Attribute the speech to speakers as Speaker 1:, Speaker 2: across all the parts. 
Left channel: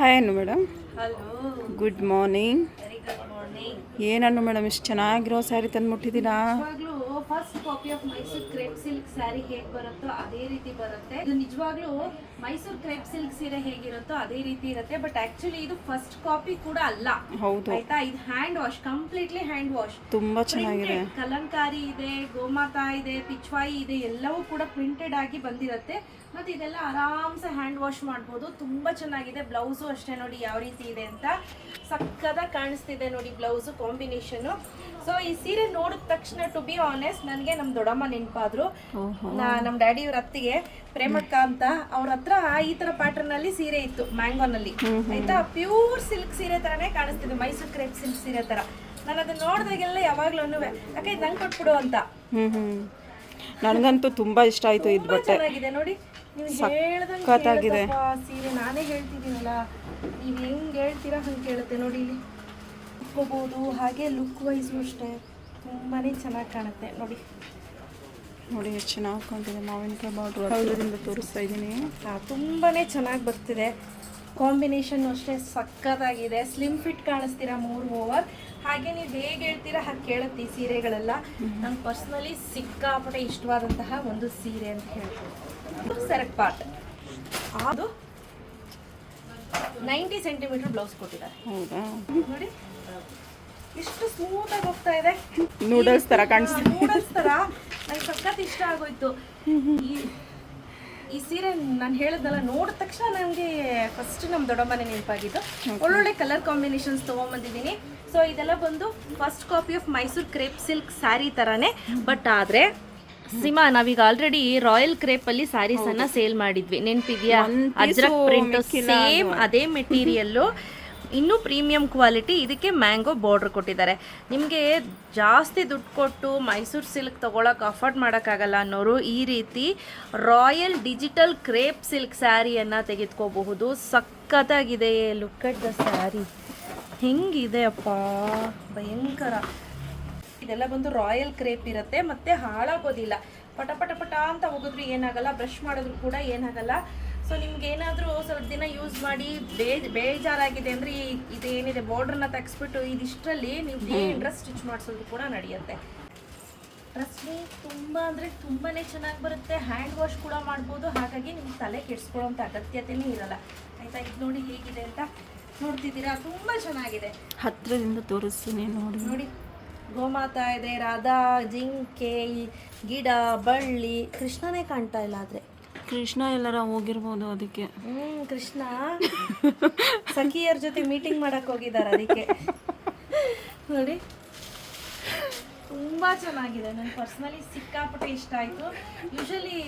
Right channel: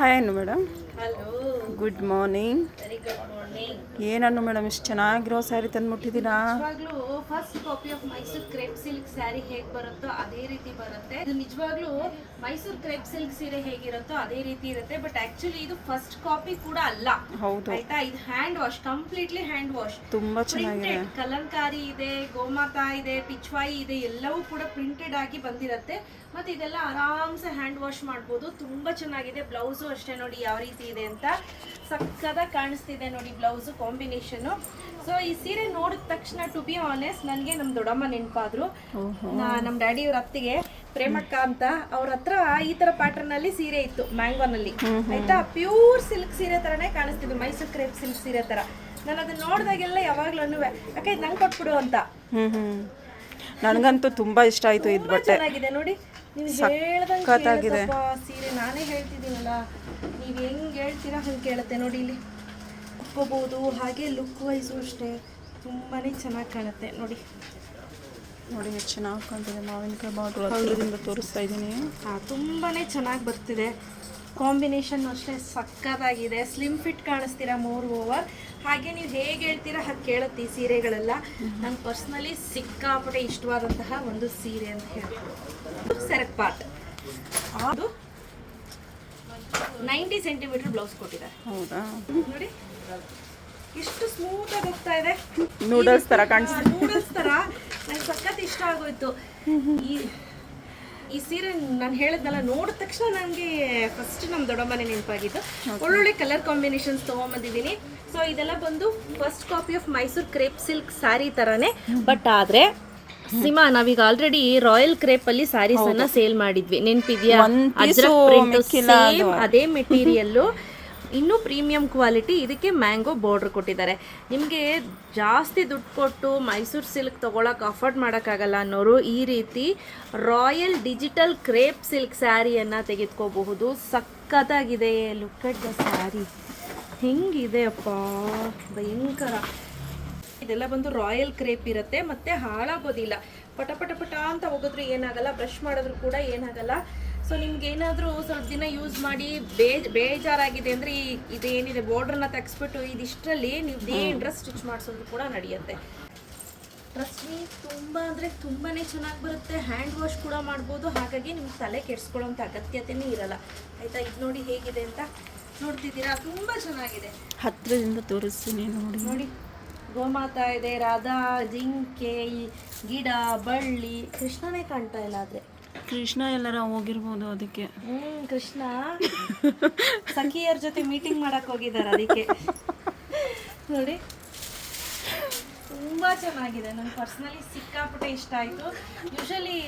Speaker 1: Hi ಅನ್ನು madam. Good morning ಏನನ್ನು madam ಇಷ್ಟು ಚೆನ್ನಾಗಿರೋ ಸ್ಯಾರಿ ತಂದ್ಬಿಟ್ಟಿದ್ದೀರಾ?
Speaker 2: ನಿಜವಾಗ್ಲೂ first copy of Mysore crepe silk saree ಹೇಗ್ ಬರುತ್ತೋ ಅದೇ ರೀತಿ ಬರುತ್ತೆ. ಇದು ನಿಜವಾಗ್ಲೂ ಮೈಸೂರ್ ಕ್ರೇಪ್ ಸಿಲ್ಕ್ ಸೀರೆ ಹೇಗಿರುತ್ತೋ ಅದೇ ರೀತಿ ಇರುತ್ತೆ ಬಟ್ ಆಕ್ಚುಲಿ ಇದು ಫಸ್ಟ್ ಕಾಪಿ ಕೂಡ ಅಲ್ಲ. ಆಯ್ತಾ? ಇದು hand wash completely hand wash
Speaker 1: ತುಂಬಾ ಚೆನ್ನಾಗಿದೆ.
Speaker 2: ಕಲಂಕಾರಿ ಇದೆ ಗೋಮಾತಾ ಇದೆ ಪಿಚ್ವಾಯಿ ಇದೆ ಎಲ್ಲವೂ ಕೂಡ ಪ್ರಿಂಟೆಡ್ ಆಗಿ ಬಂದಿರುತ್ತೆ. ಮತ್ತೆ ಇದೆಲ್ಲ ಆರಾಮ್ಸೆ ಹ್ಯಾಂಡ್ ವಾಶ್ ಮಾಡ್ಬೋದು. ತುಂಬಾ ಚೆನ್ನಾಗಿದೆ. ಬ್ಲೌಸು ಅಷ್ಟೇ ನೋಡಿ ಯಾವ ರೀತಿ ಇದೆ ಅಂತ ಸಕ್ಕದ ಕಾಣಿಸ್ತಿದೆ ನೋಡಿ ಬ್ಲೌಸು ಕಾಂಬಿನೇಷನು. ಸೊ ಈ ಸೀರೆ ನೋಡಿದ ತಕ್ಷಣ ಟು ಬಿ ಆನೆಸ್ಟ್ ನನಗೆ ನಮ್ಮ ದೊಡ್ಡಮ್ಮ ನೆನಪಾದ್ರು. ನಮ್ಮ ಡ್ಯಾಡಿ ಡ್ಯಾಡಿಯವ್ರ ಅತ್ತಿಗೆ ಪ್ರೇಮಕ್ಕ ಅಂತ ಅವ್ರ ಹತ್ರ ಈ ತರ ಪ್ಯಾಟರ್ನ್ ಅಲ್ಲಿ ಸೀರೆ ಇತ್ತು ಮ್ಯಾಂಗೋನಲ್ಲಿ ಆಯ್ತಾ? ಪ್ಯೂರ್ ಸಿಲ್ಕ್ ಸೀರೆ ತರನೇ ಕಾಣಿಸ್ತಿದೆ ಮೈಸೂರು ಕ್ರೇಪ್ ಸಿಲ್ಕ್ ಸೀರೆ ತರ. ನಾನು ಅದನ್ನ ನೋಡಿದಾಗೆಲ್ಲ ಯಾವಾಗ್ಲೂ ಯಾಕೆ ಇದು ನಂಗೆ ಕೊಟ್ಬಿಡು ಅಂತ.
Speaker 1: ನನಗಂತೂ ತುಂಬಾ ಇಷ್ಟ ಆಯ್ತು ಇದು ಬಟ್ಟೆ.
Speaker 2: ಚೆನ್ನಾಗಿದೆ ನೋಡಿ.
Speaker 1: ಸಖತ್ತಾಗಿದೆ.
Speaker 2: ಸೀರೆ ನಾನೇ ಹೇಳ್ತಿದ್ದೀನಲ್ಲ. ನೀವು ಹೆಂಗ್ ಹೇಳ್ತೀರಾ ಹಂಗೆ ಕೇಳುತ್ತೆ ನೋಡಿ ಇಲ್ಲಿ. ಕುತ್ಕೋಬಹುದು ಹಾಗೆ ಲುಕ್ ವೈಸು ಅಷ್ಟೇ. ತುಂಬಾ ಚೆನ್ನಾಗಿ ಕಾಣುತ್ತೆ. ನೋಡಿ.
Speaker 1: ನೋಡಿ ಎಷ್ಟು ಚೆನ್ನಾಗಿ ಕಾಣ್ತಿದೆ. ಮಾವಿನಕಾಯಿ ಬಾರ್ಡ್ರು ಅದರಿಂದ ತೋರಿಸ್ತಾ ಇದ್ದೀನಿ.
Speaker 2: ಹಾಂ ತುಂಬಾ ಚೆನ್ನಾಗಿ ಬರ್ತಿದೆ. ಕಾಂಬಿನೇಷನ್ ಅಷ್ಟೇ ಸಕ್ಕತ್ತಾಗಿದೆ. ಸ್ಲಿಮ್ ಫಿಟ್ ಕಾಣಿಸ್ತೀರಾ ಮೋರ್ ಓವರ್ ಹಾಗೆ ನೀವು ಹೇಗೆ ಹೇಳ್ತೀರಾ ಹಾಗೆ ಕೇಳುತ್ತೆ ಈ ಸೀರೆಗಳೆಲ್ಲ ನಂಗೆ ಪರ್ಸ್ನಲಿ ಸಿಕ್ಕಾಪಟ್ಟೆ ಇಷ್ಟವಾದಂತಹ ಒಂದು ಸೀರೆ ಅಂತ ಹೇಳ್ಬೋದು. ಸೆರೆಕ್ಟ್ ಪಾರ್ಟ್ ಅದು ನೈಂಟಿ ಸೆಂಟಿಮೀಟರ್ ಬ್ಲೌಸ್ ಕೊಟ್ಟಿದ್ದಾರೆ.
Speaker 1: ಹೌದಾ?
Speaker 2: ನೋಡಿ. ಎಷ್ಟು ಸ್ಮೂತ್ ಆಗಿ ಹೋಗ್ತಾ ಇದೆ.
Speaker 1: ನೂಡಲ್ಸ್ ತರ ಕಾಣಿಸ್ತಾ
Speaker 2: ನೂಡಲ್ಸ್ ತರ. ನನಗೆ ಸಖತ್ ಇಷ್ಟ ಆಗೋಯ್ತು. ಈ ಈ ಸೀರೆ ನಾನು ಹೇಳಿದ್ನಲ್ಲ ನೋಡಿದ ತಕ್ಷಣ ನನಗೆ ಫಸ್ಟ್ ನಮ್ಮ ದೊಡ್ಡಮ್ಮನೆ ನೆನಪಾಗಿದ್ದು. ಒಳ್ಳೊಳ್ಳೆ ಕಲರ್ ಕಾಂಬಿನೇಷನ್ಸ್ ತೊಗೊಂಬಂದಿದ್ದೀನಿ. ಸೊ ಇದೆಲ್ಲ ಬಂದು first copy of Mysore crepe silk saree ಥರನೇ ಬಟ್ ಆದರೆ ಸಿಮಾ ನಾವೀಗ ಆಲ್ರೆಡಿ ರಾಯಲ್ ಕ್ರೇಪ್ ಅಲ್ಲಿ ಸ್ಯಾರೀಸ್ ಅನ್ನ ಸೇಲ್ ಮಾಡಿದ್ವಿ. ನೆನ್ಪಿದ್ಯಾ?
Speaker 1: ಅದ್ರ
Speaker 2: ಅಜ್ರಕ್ ಪ್ರಿಂಟ್ ಸೇಮ್ ಅದೇ ಮೆಟೀರಿಯಲ್ಲು ಇನ್ನೂ ಪ್ರೀಮಿಯಂ ಕ್ವಾಲಿಟಿ ಇದಕ್ಕೆ ಮ್ಯಾಂಗೋ ಬಾರ್ಡ್ರ್ ಕೊಟ್ಟಿದ್ದಾರೆ. ನಿಮಗೆ ಜಾಸ್ತಿ ದುಡ್ಡು ಕೊಟ್ಟು ಮೈಸೂರು ಸಿಲ್ಕ್ ತೊಗೊಳಕ್ಕೆ ಅಫೋರ್ಡ್ ಮಾಡೋಕ್ಕಾಗಲ್ಲ ಅನ್ನೋರು ಈ ರೀತಿ ರಾಯಲ್ ಡಿಜಿಟಲ್ ಕ್ರೇಪ್ ಸಿಲ್ಕ್ ಸ್ಯಾರಿಯನ್ನು ತೆಗೆದುಕೋಬಹುದು. ಸಖತ್ತಾಗಿದೆ. ಲುಕ್ ಅಟ್ ದ ಸ್ಯಾರಿ ಹಿಂಗಿದೆ ಅಪ್ಪ? ಭಯಂಕರ. ಇದೆಲ್ಲ ಬಂದು ರಾಯಲ್ ಕ್ರೇಪ್ ಇರುತ್ತೆ, ಮತ್ತು ಹಾಳಾಗೋದಿಲ್ಲ. ಪಟ ಪಟ ಪಟ ಅಂತ ಹೋಗಿದ್ರು ಏನಾಗಲ್ಲ ಬ್ರಷ್ ಮಾಡಿದ್ರು ಕೂಡ ಏನಾಗಲ್ಲ. ಸೊ ನಿಮ್ಗೆ ಏನಾದರೂ ಸ್ವಲ್ಪ ದಿನ ಯೂಸ್ ಮಾಡಿ ಬೇಜ್ ಬೇಜಾರಾಗಿದೆ ಅಂದರೆ ಇದು ಏನಿದೆ ಬಾರ್ಡ್ರನ್ನ ತೆಗೆಸ್ಬಿಟ್ಟು ಇದಿಷ್ಟರಲ್ಲಿ ನೀವು ಡೇ ಡ್ರೆಸ್ ಸ್ಟಿಚ್ ಮಾಡಿಸೋದು ಕೂಡ ನಡೆಯುತ್ತೆ. ಡ್ರೆಸ್ ತುಂಬ ಅಂದರೆ ತುಂಬಾ ಚೆನ್ನಾಗಿ ಬರುತ್ತೆ ಹ್ಯಾಂಡ್ ವಾಶ್ ಕೂಡ ಮಾಡ್ಬೋದು. ಹಾಗಾಗಿ ನಿಮ್ಗೆ ತಲೆ ಕೆಡಿಸ್ಕೊಳ್ಳೋಂಥ ಅಗತ್ಯತೆನೇ ಇರಲ್ಲ. ಆಯ್ತಾ? ಇದು ನೋಡಿ ಹೇಗಿದೆ ಅಂತ ನೋಡ್ತಿದ್ದೀರಾ? ತುಂಬ ಚೆನ್ನಾಗಿದೆ.
Speaker 1: ಹತ್ತಿರದಿಂದ ತೋರಿಸ್ತೀನಿ ನೋಡಿ.
Speaker 2: ನೋಡಿ ಗೋಮಾತಾ ಇದೆ ರಾಧಾ ಜಿಂಕೆ ಗಿಡ ಬಳ್ಳಿ ಕೃಷ್ಣನೇ ಕಾಣ್ತಾ ಇಲ್ಲ ಆದ್ರೆ.
Speaker 1: ಕೃಷ್ಣ ಎಲ್ಲರ ಹೋಗಿರ್ಬೋದು ಅದಕ್ಕೆ.
Speaker 2: ಹ್ಮ್ ಕೃಷ್ಣ. ಸಖಿಯರ ಜೊತೆ ಮೀಟಿಂಗ್ ಮಾಡಕ್ ಹೋಗಿದ್ದಾರೆ ಅದಕ್ಕೆ. ನೋಡಿ. ತುಂಬಾ ಚೆನ್ನಾಗಿದೆ. ನಂಗೆ ಪರ್ಸ್ನಲಿ ಸಿಕ್ಕಾಪಟ್ಟೆ ಇಷ್ಟ ಆಯ್ತು. ಯೂಶಲಿ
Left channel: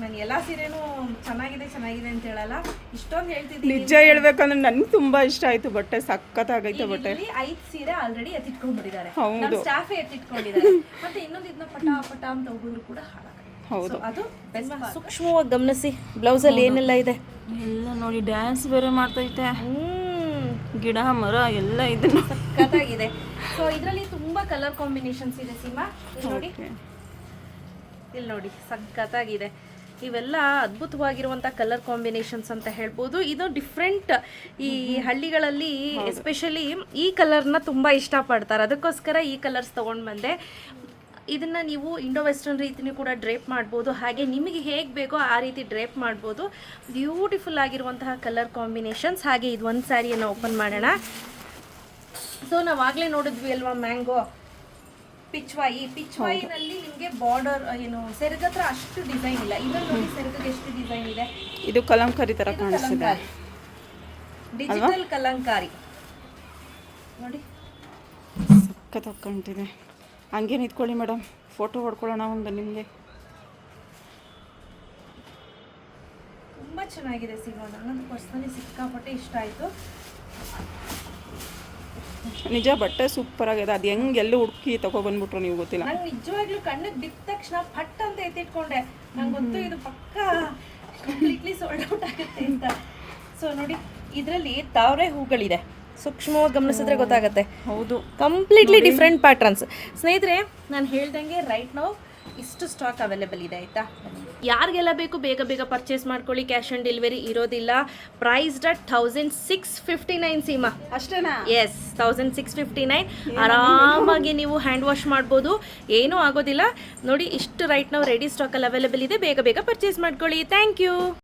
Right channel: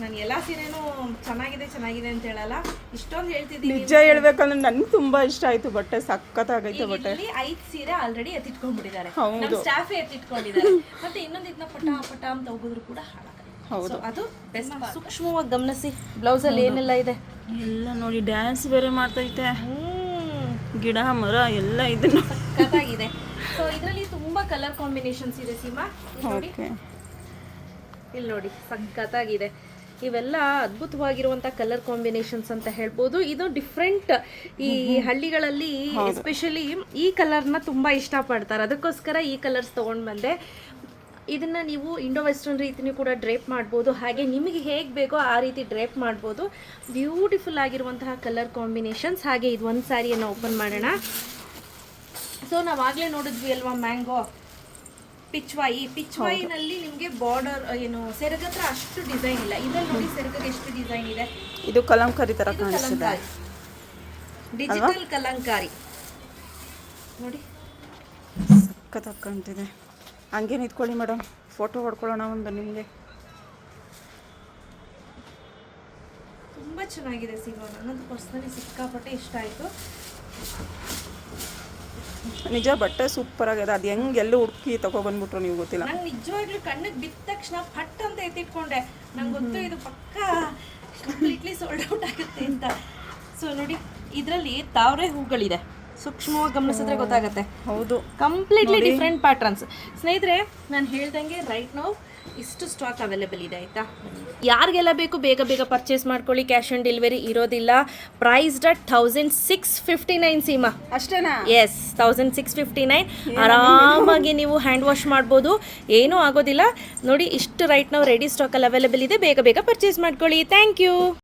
Speaker 2: ನಾನು ಎಲ್ಲ ಸೀರೆನೂ ಚೆನ್ನಾಗಿದೆ ಚೆನ್ನಾಗಿದೆ ಅಂತ ಹೇಳಲ್ಲ. ಇಷ್ಟೊಂದು ಹೇಳ್ತಿದ್ದೀನಿ
Speaker 1: ನಿಜ ಹೇಳ್ಬೇಕಂದ್ರೆ ನನಗೆ ತುಂಬಾ ಇಷ್ಟ ಆಯ್ತು ಬಟ್ಟೆ ಸಖತ್ತಾಗೈತೆ ಬಟ್ಟೆ.
Speaker 2: ಇಲ್ಲಿ ಐದು ಸೀರೆ ಆಲ್ರೆಡಿ ಎತ್ತಿಟ್ಕೊಂಡ್ಬಿಟ್ಟಿದ್ದಾರೆ.
Speaker 1: ಹೌದು.
Speaker 2: ನಮ್ಮ ಸ್ಟಾಫೇ ಎತ್ತಿಟ್ಕೊಂಡಿದ್ದಾರೆ. ಮತ್ತೆ ಇನ್ನೊಂದು ಇದನ್ನ ಪಟ ಪಟ ಅಂತ ಹೋಗಿದ್ರು ಕೂಡ ಹಾಳಾಗಲ್ಲ
Speaker 1: ಹೌದು.
Speaker 2: ಅದು ಸೂಕ್ಷ್ಮವಾಗಿ ಗಮನಿಸಿ. ಬ್ಲೌಸ್ ಅಲ್ಲಿ ಏನೆಲ್ಲ ಇದೆ?
Speaker 1: ಎಲ್ಲ ನೋಡಿ ಡ್ಯಾನ್ಸ್ ಬೇರೆ ಮಾಡ್ತೈತೆ.
Speaker 2: ಹ್ಮ್.
Speaker 1: ಗಿಡ ಮರ ಎಲ್ಲ ಇದನ್ನು
Speaker 2: ಸಖತ್ತಾಗಿದೆ. ಸೊ ಇದರಲ್ಲಿ ತುಂಬಾ ಕಲರ್ ಕಾಂಬಿನೇಷನ್ಸ್ ಇದೆ ಸೀಮಾ. ಇಲ್ಲಿ ನೋಡಿ. ಇಲ್ಲಿ ನೋಡಿ ಸಖತ್ತಾಗಿದೆ. ಇವೆಲ್ಲ ಅದ್ಭುತವಾಗಿರುವಂತ ಕಲರ್ ಕಾಂಬಿನೇಷನ್ಸ್ ಅಂತ ಹೇಳ್ಬೋದು. ಇದು ಡಿಫ್ರೆಂಟ್ ಈ ಹಳ್ಳಿಗಳಲ್ಲಿ ಎಸ್ಪೆಷಲಿ ಈ ಕಲರ್ನ ತುಂಬಾ ಇಷ್ಟಪಡ್ತಾರೆ. ಅದಕ್ಕೋಸ್ಕರ ಈ ಕಲರ್ಸ್ ತಗೊಂಡ್ ಬಂದೆ. ಇದನ್ನು ನೀವು ಇಂಡೋ ವೆಸ್ಟರ್ನ್ ರೀತಿನೂ ಕೂಡ ಡ್ರೇಪ್ ಮಾಡ್ಬೋದು. ಹಾಗೆ ನಿಮಗೆ ಹೇಗೆ ಬೇಕೋ ಆ ರೀತಿ ಡ್ರೇಪ್ ಮಾಡ್ಬೋದು. ಬ್ಯೂಟಿಫುಲ್ ಆಗಿರುವಂತಹ ಕಲರ್ ಕಾಂಬಿನೇಷನ್ಸ್ ಹಾಗೆ ಇದು ಒಂದು ಸ್ಯಾರಿಯನ್ನು ಓಪನ್ ಮಾಡೋಣ. ಸೊ ನಾವಾಗಲೇ ನೋಡಿದ್ವಿ ಅಲ್ವಾ ಮ್ಯಾಂಗೋ? ಪಿಚ್ವಾಯಿ ಪಿಚ್ವಾಯಿನಲ್ಲಿ ನಿಮಗೆ ಬಾರ್ಡರ್ ಏನು ಸೆರಗ ಹತ್ರ ಅಷ್ಟು ಡಿಸೈನ್ ಇಲ್ಲ. ಇದರಲ್ಲಿ ನೋಡಿ ಸೆರಗಕ್ಕೆ ಎಷ್ಟು ಡಿಸೈನ್ ಇದೆ.
Speaker 1: ಇದು ಕಲಂಕಾರಿ
Speaker 2: ತರ
Speaker 1: ಕಾಣಿಸ್ತಿದೆ.
Speaker 2: ಡಿಜಿಟಲ್ ಕಲಂಕಾರಿ. ನೋಡಿ.
Speaker 1: ಸಖತ್ತಾಗಿ ಕಾಣ್ತಿದೆ. ಹಂಗೆ ನಿಂತ್ಕೊಳ್ಳಿ ಮೇಡಮ್. ಫೋಟೋ ಹೊಡ್ಕೊಳ್ಳೋಣ ಒಂದು ನಿಮಗೆ.
Speaker 2: ತುಂಬ ಚೆನ್ನಾಗಿದೆ ಸಿನಿಮಾ. ನನಗಂತೂ ಪರ್ಸ್ನಲಿ ಸಿಕ್ಕಾಪಟ್ಟೆ ಇಷ್ಟ ಆಯಿತು.
Speaker 1: ನಿಜ ಬಟ್ಟೆ ಸೂಪರ್ ಆಗಿದೆ. ಅದು ಹೆಂಗೆ ಎಲ್ಲ ಹುಡುಕಿ ತಗೊಬಂದ್ಬಿಟ್ರು ನೀವು ಗೊತ್ತಿಲ್ಲ.
Speaker 2: ನಂಗೆ ನಿಜವಾಗ್ಲೂ ಕಣ್ಣಿಗೆ ಬಿದ್ದ ತಕ್ಷಣ ಫಟ್ ಅಂತ ಎತ್ತಿಟ್ಕೊಂಡೆ. ನಂಗೆ ಗೊತ್ತು ಇದು ಪಕ್ಕ ಕಂಪ್ಲೀಟ್ಲಿ ಸೋಲ್ಡ್ ಔಟ್ ಆಗುತ್ತೆ ಅಂತ. ಸೊ ನೋಡಿ ಇದರಲ್ಲಿ ತಾವರೆ ಹೂಗಳಿದೆ. ಸೂಕ್ಷ್ಮವಾಗಿ ಗಮನಿಸಿದ್ರೆ ಗೊತ್ತಾಗುತ್ತೆ.
Speaker 1: ಹೌದು.
Speaker 2: ಕಂಪ್ಲೀಟ್ಲಿ ಡಿಫ್ರೆಂಟ್ ಪ್ಯಾಟರ್ನ್ಸ್ ಸ್ನೇಹಿತರೆ ನಾನು ಹೇಳ್ದಂಗೆ ರೈಟ್ ನಾವು ಇಷ್ಟು ಸ್ಟಾಕ್ ಅವೈಲೇಬಲ್ ಇದೆ ಆಯಿತಾ? ಯಾರಿಗೆಲ್ಲ ಬೇಕು ಬೇಗ ಬೇಗ ಪರ್ಚೇಸ್ ಮಾಡ್ಕೊಳ್ಳಿ. ಕ್ಯಾಶ್ ಆನ್ ಡೆಲಿವರಿ ಇರೋದಿಲ್ಲ. Priced at thousand six fifty nine Seema.
Speaker 1: ಅಷ್ಟೇನಾ?
Speaker 2: Yes thousand six fifty nine ಆರಾಮಾಗಿ ನೀವು ಹ್ಯಾಂಡ್ ವಾಶ್ ಮಾಡ್ಬೋದು. ಏನೂ ಆಗೋದಿಲ್ಲ. ನೋಡಿ ಇಷ್ಟು ರೈಟ್ ನಾವು ರೆಡಿ ಸ್ಟಾಕಲ್ಲಿ ಅವೈಲೇಬಲ್ ಇದೆ. ಬೇಗ ಬೇಗ ಪರ್ಚೇಸ್ ಮಾಡ್ಕೊಳ್ಳಿ. Thank you